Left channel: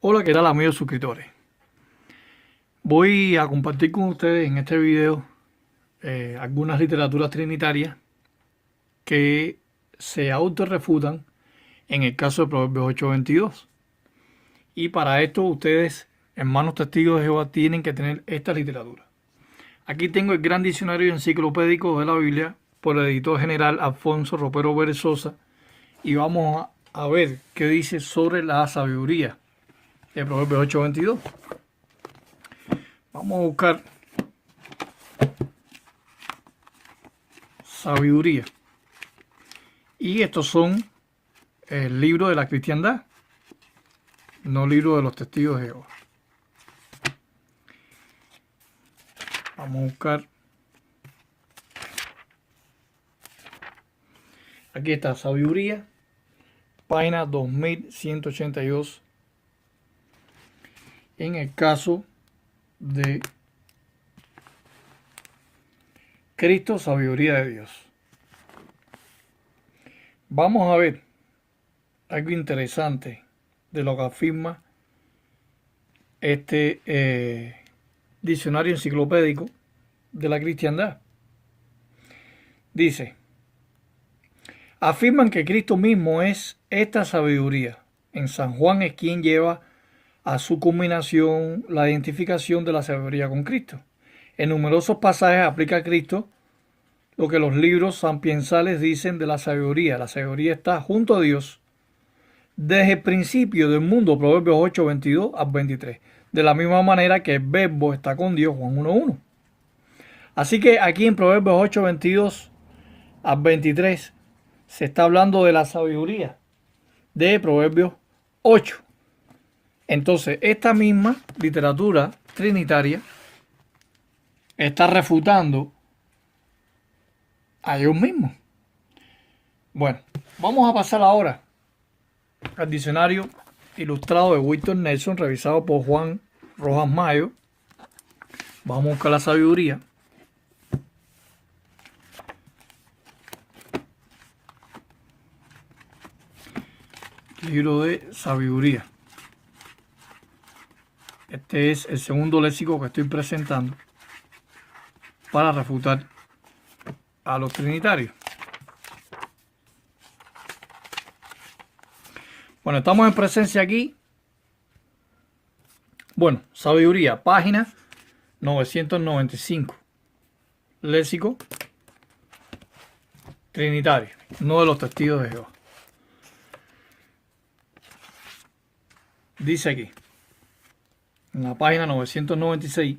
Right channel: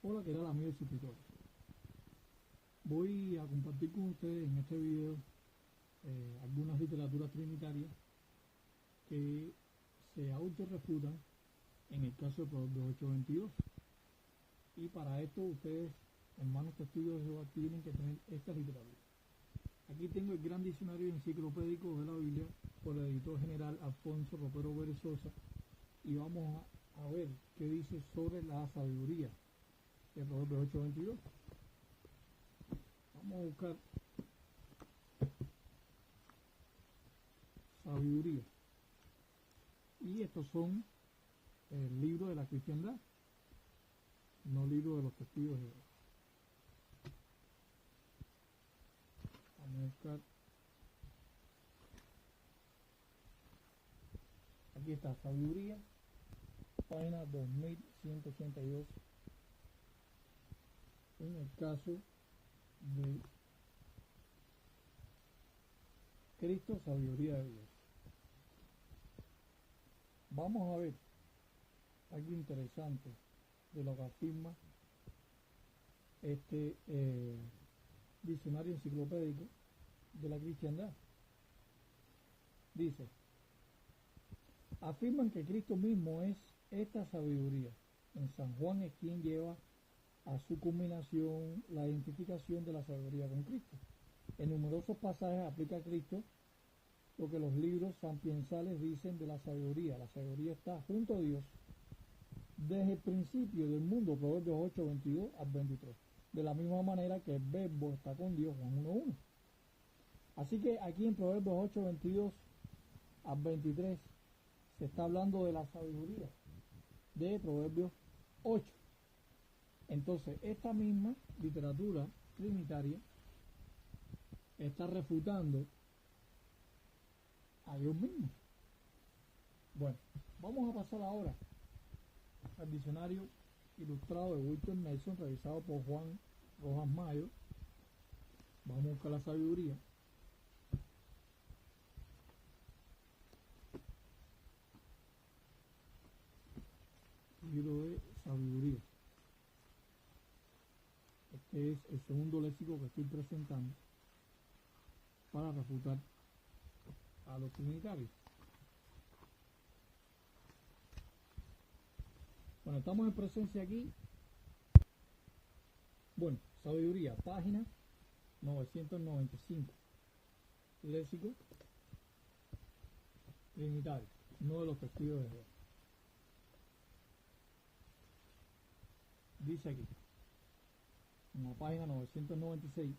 Hola, ¿qué tal amigos suscriptores? Voy a compartir con ustedes en este video algunas literaturas trinitarias que se autorrefutan en el caso de Proverbios 8:22. Y para esto ustedes, hermanos testigos de Jehová, tienen que tener esta literatura. Aquí tengo el gran diccionario enciclopédico de la Biblia por el editor general Alfonso Ropero Berezosa y vamos a ver qué dice sobre la sabiduría de Proverbios 8:22. Vamos a buscar sabiduría. Y estos son el libro de la cristiandad, no libro de los testigos de Jehová. Vamos a buscar. Aquí está sabiduría, página 2182. En el caso de Cristo, sabiduría de Dios. Vamos a ver algo interesante de lo que afirma este diccionario enciclopédico de la cristiandad. Dice, afirman que Cristo mismo es esta sabiduría. En San Juan es quien lleva a su culminación la identificación de la sabiduría con Cristo. En numerosos pasajes aplica a Cristo lo que los libros sapiensales dicen de la sabiduría. La sabiduría está junto a Dios desde el principio del mundo, Proverbios 8:22 al 23. De la misma manera que el verbo está con Dios, Juan 1:1. Así que aquí en Proverbios 8:22 al 23 se está hablando de la sabiduría de Proverbios 8. Entonces, esta misma literatura trinitaria está refutando a Dios mismo. Bueno, vamos a pasar ahora al diccionario ilustrado de Wilton Nelson, revisado por Juan Rojas Mayo. Vamos a buscar la sabiduría. Libro de sabiduría. Este es el segundo léxico que estoy presentando para refutar a los trinitarios. Bueno, estamos en presencia aquí. Bueno, sabiduría, página 995. Léxico trinitario, no de los testigos de Jehová. Dice aquí, en la página 996,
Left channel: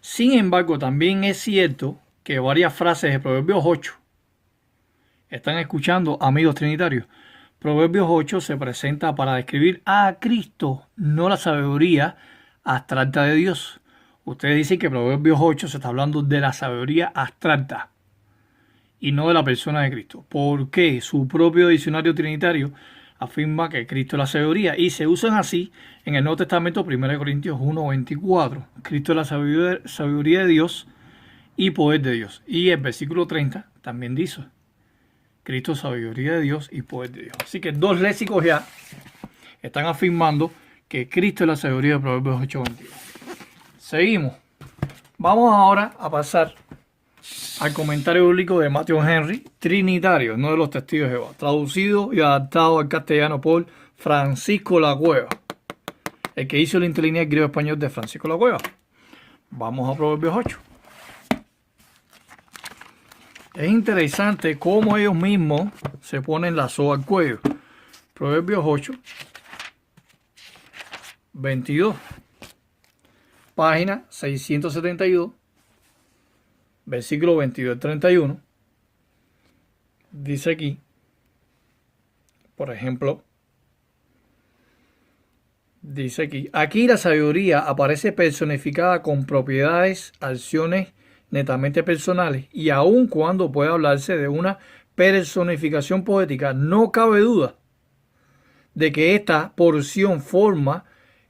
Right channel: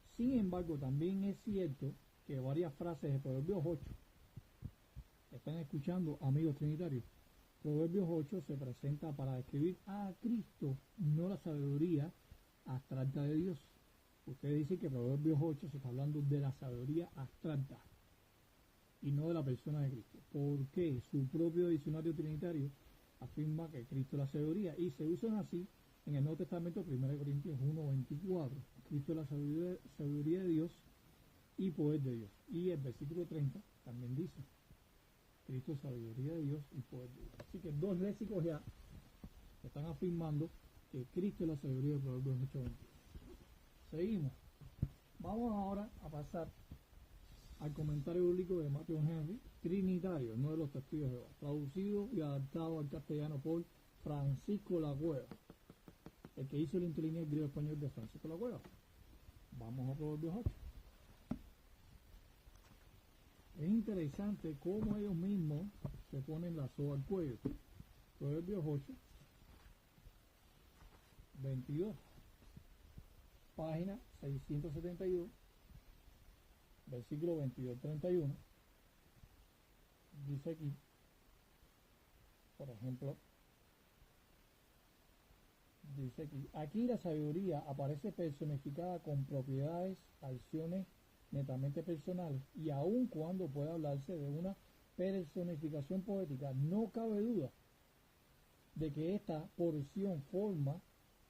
sin embargo, también es cierto que varias frases de Proverbios 8, están escuchando, amigos trinitarios, Proverbios 8 se presenta para describir a Cristo, no la sabiduría abstracta de Dios. Ustedes dicen que Proverbios 8 se está hablando de la sabiduría abstracta y no de la persona de Cristo. ¿Por qué? Su propio diccionario trinitario afirma que Cristo es la sabiduría y se usan así en el Nuevo Testamento, 1 Corintios 1:24. Cristo es la sabiduría de Dios y poder de Dios. Y el versículo 30 también dice, Cristo es sabiduría de Dios y poder de Dios. Así que dos léxicos ya están afirmando que Cristo es la sabiduría de Proverbios 8:22. Seguimos. Vamos ahora a pasar al comentario bíblico de Matthew Henry, trinitario, no de los testigos de Jehová, traducido y adaptado al castellano por Francisco La Cueva, el que hizo el interlineal griego-español de Francisco La Cueva. Vamos a Proverbios 8. Es interesante cómo ellos mismos se ponen la soga al cuello. Proverbios 8, 22, página 672, versículo 22 al 31. Dice aquí, por ejemplo, dice aquí la sabiduría aparece personificada con propiedades, acciones netamente personales, y aun cuando puede hablarse de una personificación poética, no cabe duda de que esta porción forma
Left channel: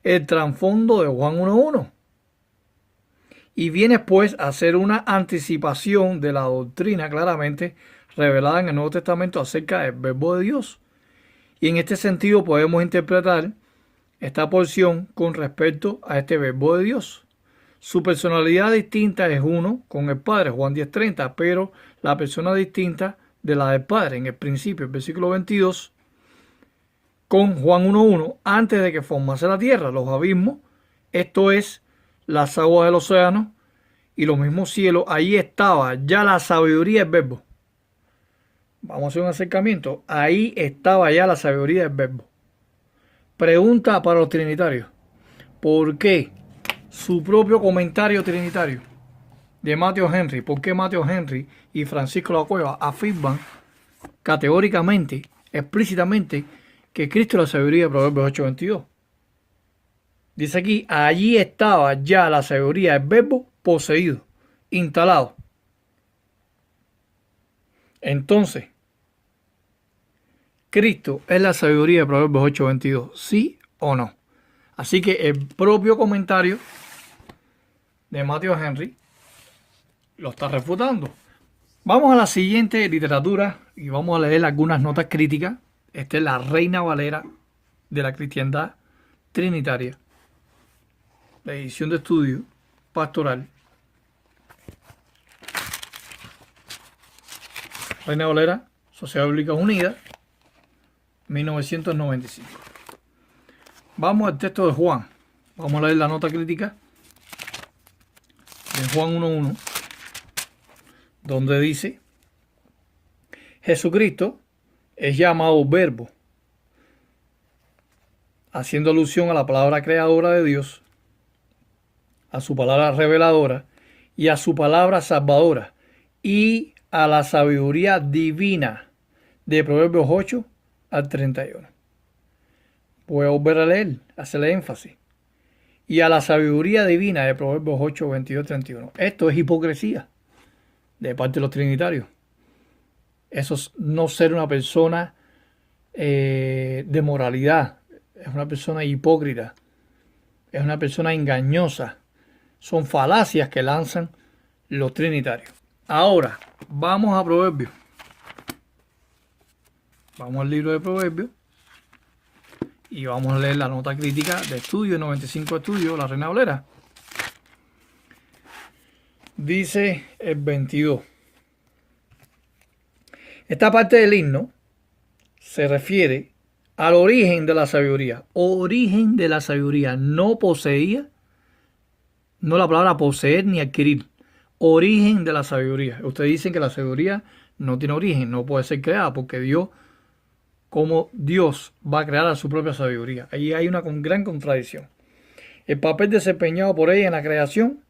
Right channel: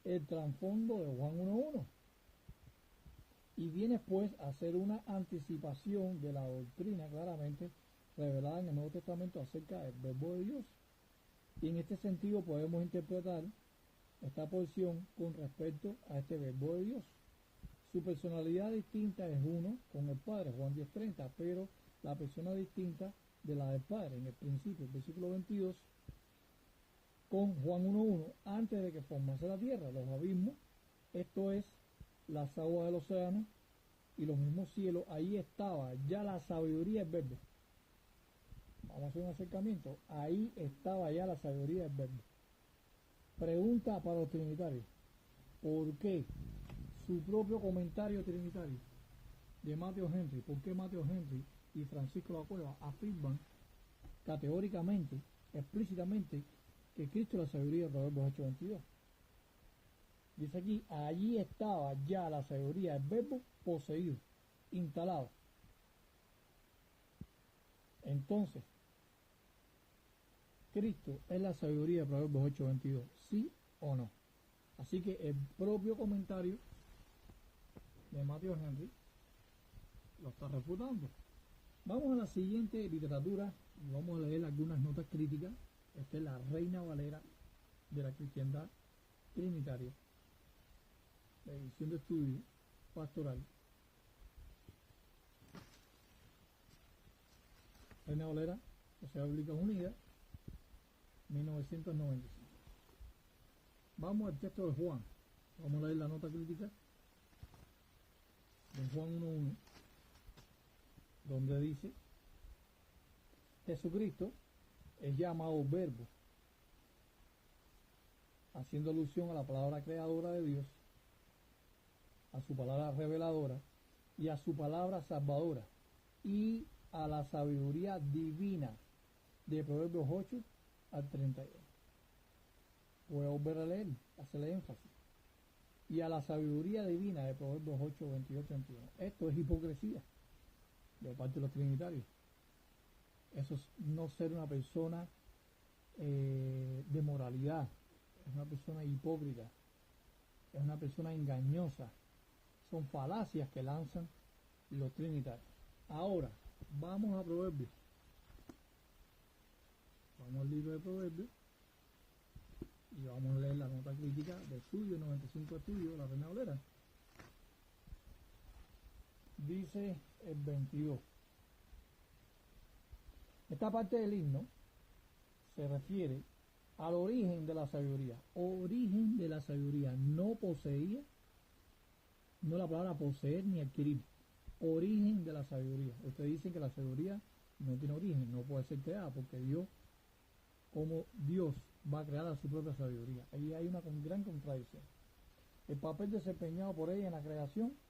el trasfondo de Juan 1:1 y viene pues a ser una anticipación de la doctrina claramente revelada en el Nuevo Testamento acerca del verbo de Dios. Y en este sentido podemos interpretar esta porción con respecto a este verbo de Dios. Su personalidad distinta es uno con el Padre, Juan 10:30, pero la persona distinta de la del Padre en el principio, el versículo 22, con Juan 1:1, antes de que formase la tierra, los abismos, esto es, las aguas del océano y los mismos cielos, ahí estaba ya la sabiduría del verbo. Vamos a hacer un acercamiento. Ahí estaba ya la sabiduría del verbo. Pregunta para los trinitarios. ¿Por qué su propio comentario trinitario de Matthew Henry, por qué Matthew Henry y Francisco La Cueva afirman categóricamente, explícitamente, que Cristo es la sabiduría de Proverbios 8:22? Dice aquí, allí estaba ya la sabiduría del verbo poseído, instalado. Entonces, Cristo es la sabiduría de Proverbios 8:22, ¿sí o no? Así que el propio comentario de Matthew Henry lo está refutando. Vamos a la siguiente literatura y vamos a leer algunas notas críticas. Esta es la Reina Valera de la cristiandad trinitaria, la edición de estudio pastoral. Reina Valera, Sociedad Bíblica Unida, 1995. Vamos al texto de Juan. Vamos a leer la nota crítica de Juan 1:1, donde dice: Jesucristo es llamado verbo, haciendo alusión a la palabra creadora de Dios, a su palabra reveladora y a su palabra salvadora y a la sabiduría divina de Proverbios 8 al 31. Voy a volver a leer, hacerle énfasis. Y a la sabiduría divina de Proverbios 8, 22, 31. Esto es hipocresía de parte de los trinitarios. Eso es no ser una persona de moralidad. Es una persona hipócrita. Es una persona engañosa. Son falacias que lanzan los trinitarios. Ahora, vamos a Proverbios. Vamos al libro de Proverbios. Y vamos a leer la nota crítica de estudio, 95 estudios, la Reina Valera. Dice el 22. Esta parte del himno se refiere al origen de la sabiduría. Origen de la sabiduría. No poseía, no la palabra poseer ni adquirir. Origen de la sabiduría. Ustedes dicen que la sabiduría no tiene origen, no puede ser creada porque Dios, como Dios va a crear a su propia sabiduría. Ahí hay una gran contradicción. El papel desempeñado por ella en la creación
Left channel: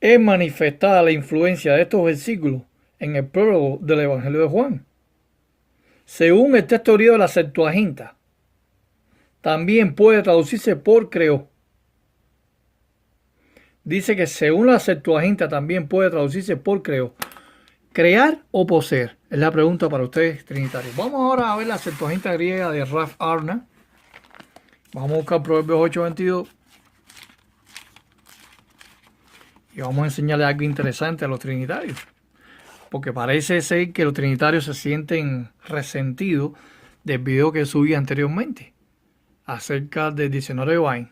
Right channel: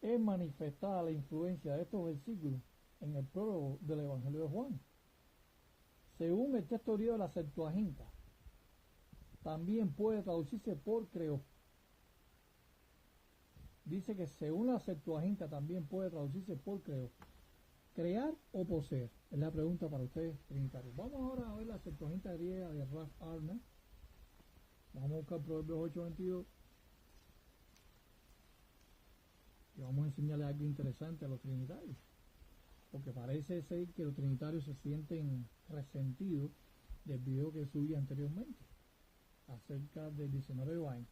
es manifestada la influencia de estos versículos en el prólogo del Evangelio de Juan. Según el texto griego de la Septuaginta, también puede traducirse por creó. Dice que según la Septuaginta también puede traducirse por creó. ¿Crear o poseer? Es la pregunta para ustedes, trinitarios. Vamos ahora a ver la Septuaginta griega de Ralph Arna. Vamos a buscar Proverbios 8:22. Y vamos a enseñarles algo interesante a los trinitarios. Porque parece ser que los trinitarios se sienten resentidos del video que subí anteriormente acerca del diccionario de Vine.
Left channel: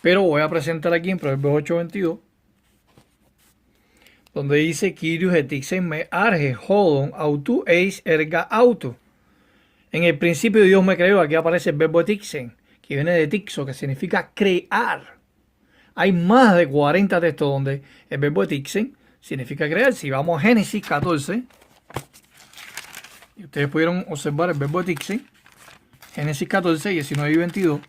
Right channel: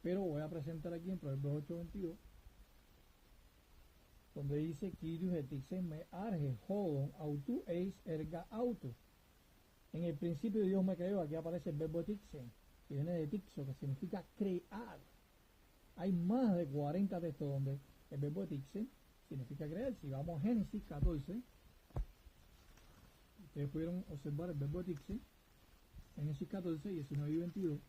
Pero voy a presentar aquí en Proverbios 8:22, donde dice: Kyrios etixen me arge hodon autu eis erga auto. En el principio Dios me creó. Aquí aparece el verbo etixen, que viene de tixo, que significa crear. Hay más de 40 textos donde el verbo etixen significa crear. Si vamos a Génesis 14, y ustedes pudieron observar el verbo etixen, Génesis 14, 19 y 22.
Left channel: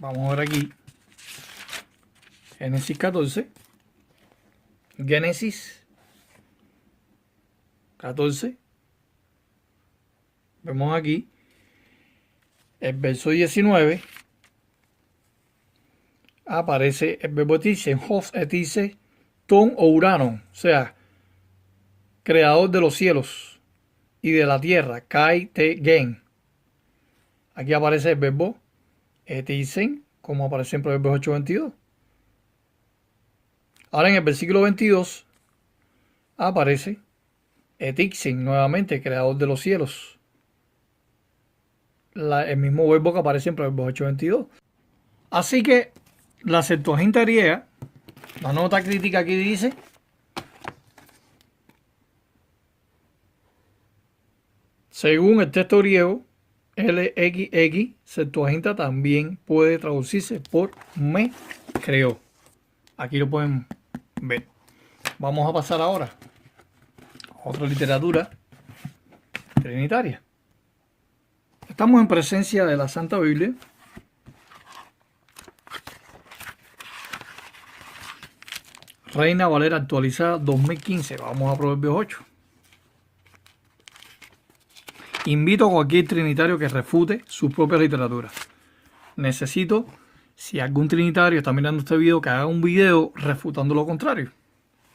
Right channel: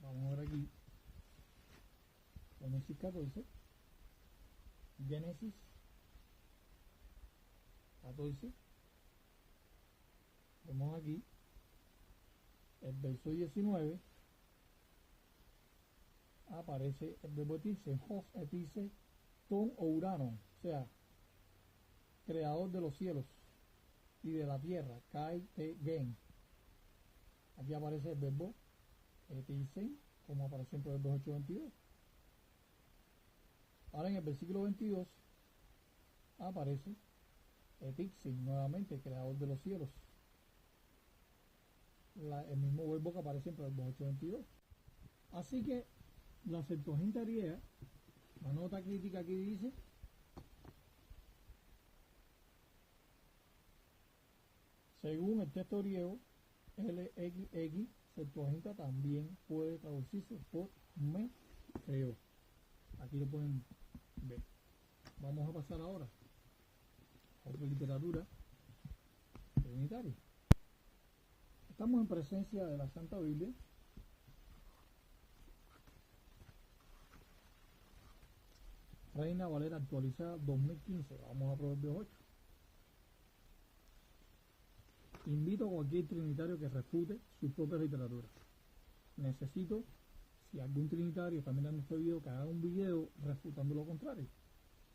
Vamos a ver aquí. Génesis 14. Génesis 14. Vemos aquí el verso 19. Aparece el verbo etixen, Hos etice ton o uranon, o sea, creador de los cielos y de la tierra, kai te gen. Aquí aparece el verbo etixen, como aparece en Proverbios 8:22. Ahora en el versículo 22 aparece etixen nuevamente, creador de los cielos. el mismo verbo que aparece en Proverbios 8:22. Así que la Septuaginta griega, la nota crítica aquí dice: según el texto griego, LXX, Septuaginta también puede traducirse por me creó. Aquí lo pueden ver. Vamos a pasar ahora a otra literatura trinitaria. Estamos en presencia de la Santa Biblia. Reina Valera actualizada 2015. Vamos a Proverbios 8. Invito a cualquier trinitario que refute su propia literatura. Necesito, si algún trinitario está mirando este video, que haga un video refutando lo contrario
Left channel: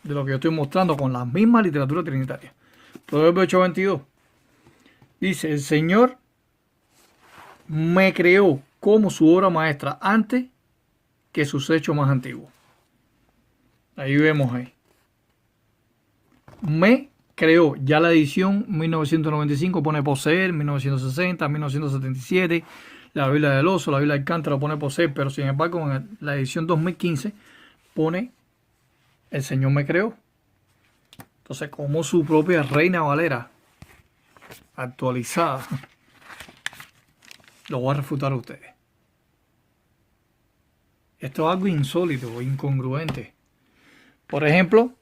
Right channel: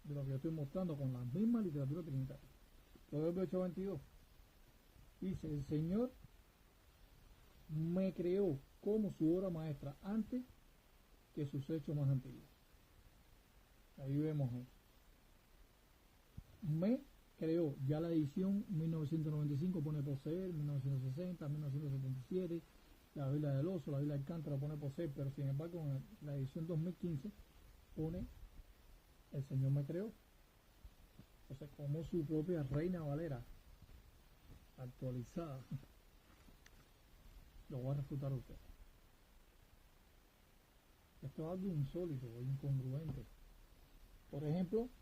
de lo que yo estoy mostrando con la misma literatura trinitaria. Proverbios 8:22 dice: el Señor me creó como su obra maestra antes que sus hechos más antiguos. Ahí vemos ahí. Me creó. Ya la edición 1995 pone poseer, 1960, 1977, la Biblia del Oso, la Biblia del Cántaro pone poseer, pero sin embargo en la edición 2015 pone el Señor me creó. Entonces, como su propia Reina Valera actualizada, lo voy a refutar a ustedes. Esto es algo insólito, incongruente. Por ejemplo,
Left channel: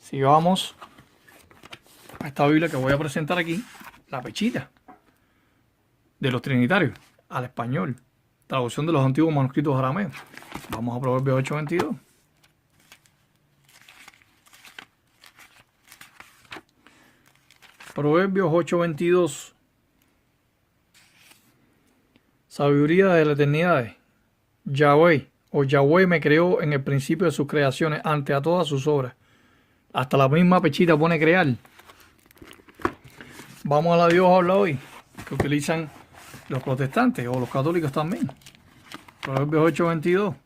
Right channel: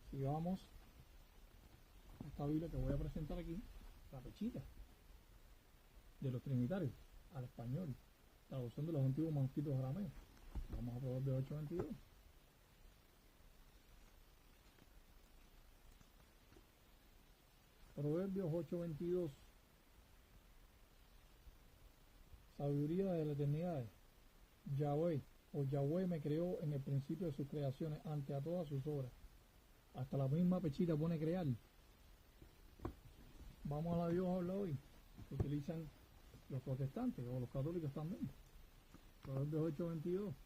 si vamos a esta Biblia que voy a presentar aquí, la Pechita de los Trinitarios, al español, traducción de los antiguos manuscritos arameos. Vamos a Proverbios 8:22. Proverbios 8:22. Sabiduría de la eternidad. Yahweh o Yahweh me creó en el principio de sus creaciones, ante a todas sus obras. Hasta la misma Pechita pone crear. Vamos a la Dios habla hoy, que utilizan los protestantes o los católicos también. Proverbios 8:22.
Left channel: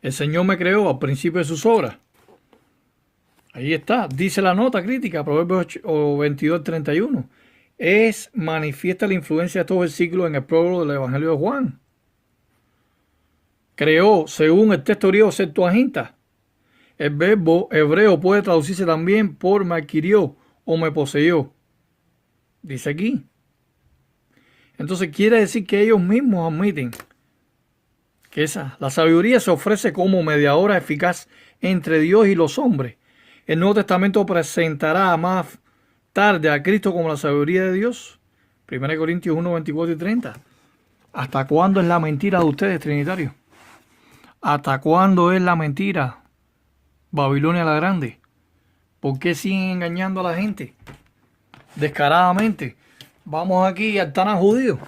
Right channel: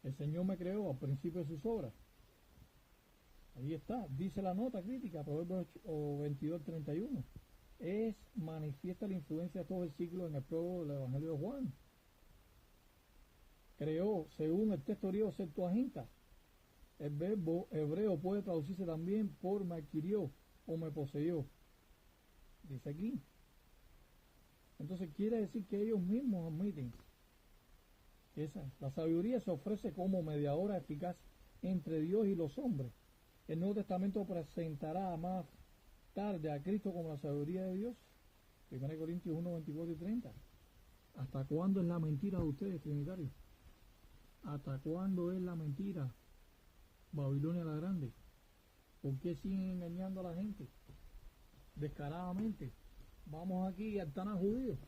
El Señor me creó al principio de sus obras. Ahí está, dice la nota crítica, Proverbios 22:31. Es manifiesta la influencia de estos versículos en el prólogo del Evangelio de Juan. Creó, según el texto griego Septuaginta. El verbo hebreo puede traducirse también por me adquirió o me poseyó. Dice aquí. Entonces quiere decir que ellos mismos admiten que la sabiduría se ofrece como mediadora eficaz entre Dios y los hombres. El Nuevo Testamento presentará más tarde a Cristo como la sabiduría de Dios. 1 Corintios 1:24-30. ¿Hasta cuándo es la mentira de ustedes, trinitarios? ¿Hasta cuándo es la mentira, Babilonia la Grande? ¿Por qué siguen engañando a la gente descaradamente? Vamos aquí al Tanaj judío.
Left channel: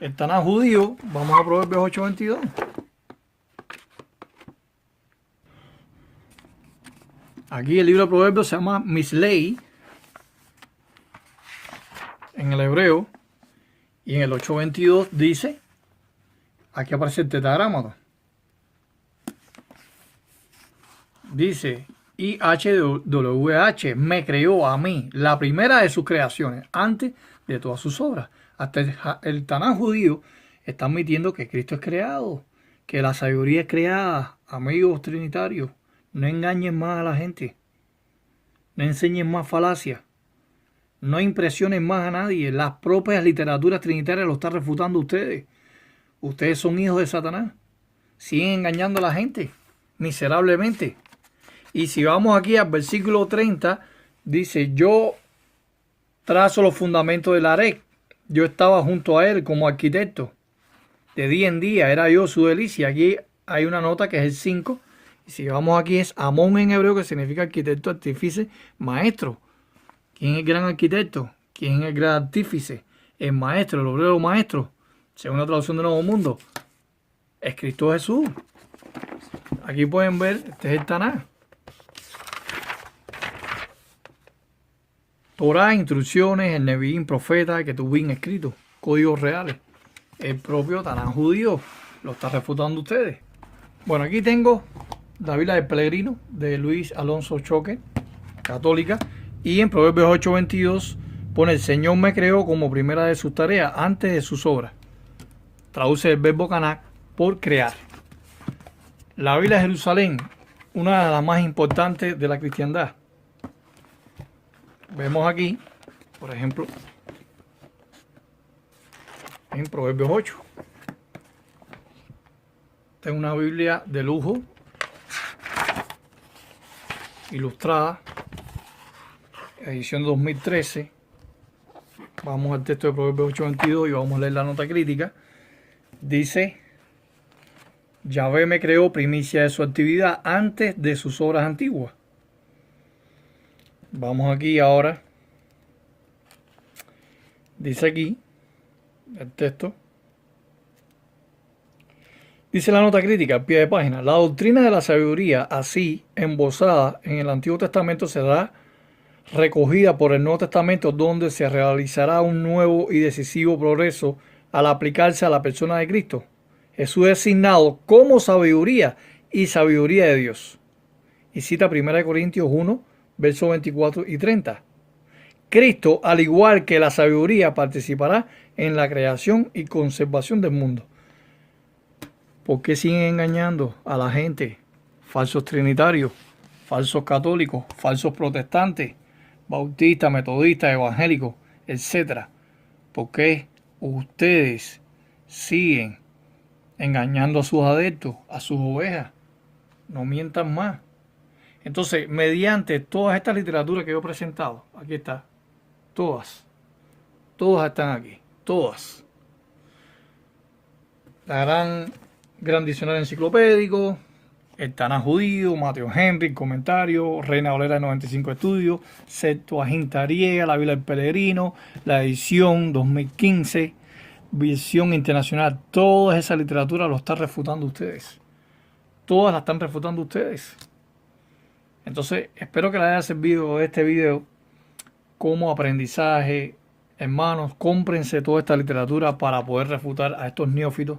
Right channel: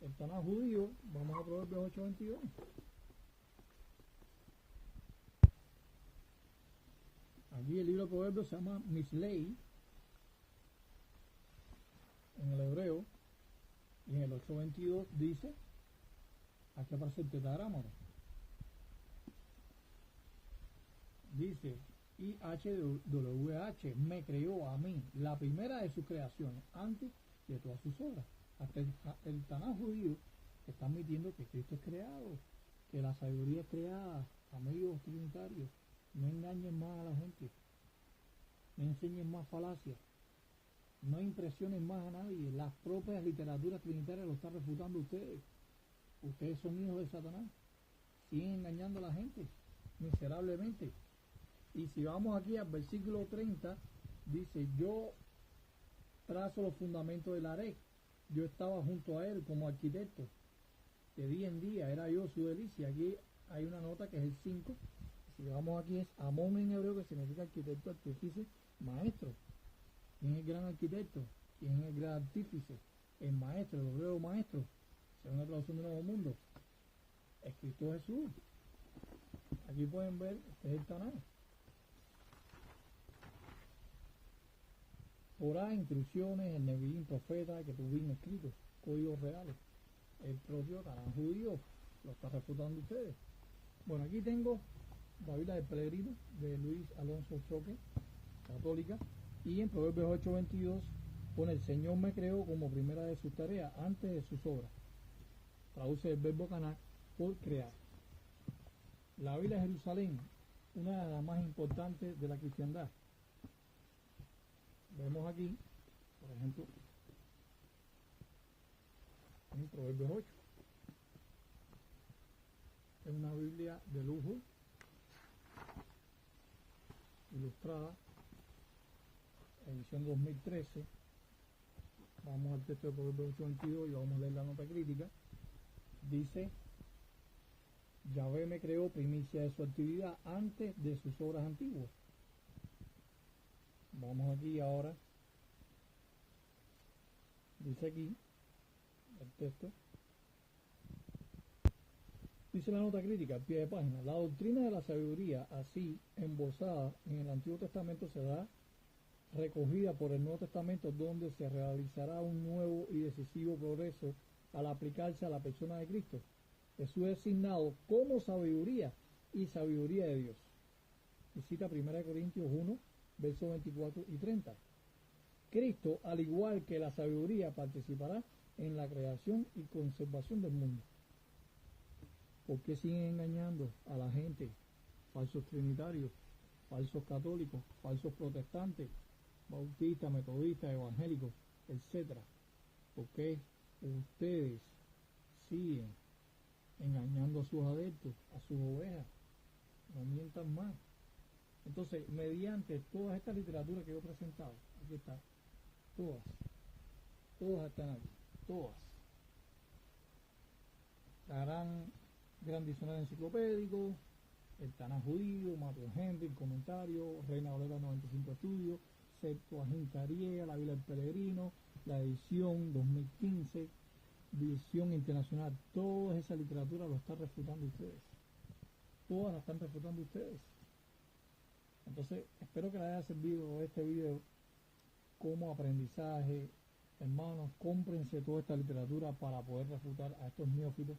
El Tanaj judío, vamos a Proverbios 8:22. Aquí el libro de Proverbios se llama Mislei en el hebreo, y en el 8:22 dice, aquí aparece el tetragrámato. Dice, IHWH me creó a mí, la primera de sus creaciones, antes de todas sus obras. Hasta el Tanaj judío está admitiendo que Cristo es creado, que la sabiduría es creada. Amigos trinitarios, no engañen más a la gente, no enseñen más falacias, no impresionen más a nadie. Las propias literaturas trinitarias lo están refutando ustedes. Ustedes son hijos de Satanás, siguen engañando a la gente miserablemente. Y si vamos aquí al versículo 30, dice, yo trazo los fundamentos del Arec. Yo estaba junto a él como arquitecto. De día en día era yo su delicia. Aquí hay una nota que es el 5. Y si vamos aquí es Amón en hebreo, que significa arquitecto, artífice, maestro. ¿Quién es el gran arquitecto? ¿Quién es el gran artífice? El maestro, el obrero maestro. Según la traducción del Nuevo Mundo, es Cristo Jesús. Aquí pueden ver, este es el Tanaj. Torah, instrucciones, el Neviín, profeta, que tuvieron escrito, códigos reales. El propio Tanaj judío lo está refutando ustedes. Bueno, aquí tengo la Biblia del Peregrino de Luis Alonso Choque, católica, y en Proverbios 8:22 pone: el Señor me creó como primera de sus tareas antes de sus obras. Traduce el verbo canak por crear. La Biblia de Jerusalén, una de las más importantes de la cristiandad. Vemos aquí, por ejemplo, en Proverbios 8. Esta es una Biblia de lujo, ilustrada, edición 2013. Vamos al texto de Proverbios 8:22 y vamos a leer la nota crítica. Dice: Yahvé me creó primicia de su actividad antes de sus obras antiguas. Vamos aquí ahora. Dice aquí el texto. Dice la nota crítica al pie de página: la doctrina de la sabiduría, así embosada en el Antiguo Testamento, será recogida por el Nuevo Testamento, donde se realizará un nuevo y decisivo progreso al aplicarse a la persona de Cristo. Jesús es designado como sabiduría y sabiduría de Dios. Y cita 1 Corintios 1, versos 24 y 30. Cristo, al igual que la sabiduría, participará en la creación y conservación del mundo. ¿Por qué siguen engañando a la gente? Falsos trinitarios, falsos católicos, falsos protestantes, bautistas, metodistas, evangélicos, etc. ¿Por qué ustedes siguen engañando a sus adeptos, a sus ovejas? No mientan más. Entonces, mediante todas estas literaturas que yo he presentado, aquí está, todas están aquí, todas. La gran diccionario enciclopédico, el Tanaj judío, Mateo Henry, comentario, Reina Valera de 95 estudios, Septuaginta griega, la Biblia del Peregrino, la edición 2015, Visión Internacional. Toda esa literatura lo está refutando ustedes. Todas la están refutando ustedes. Entonces, espero que les haya servido este video como aprendizaje. Hermanos, cómprense toda esta literatura para poder refutar a estos neófitos.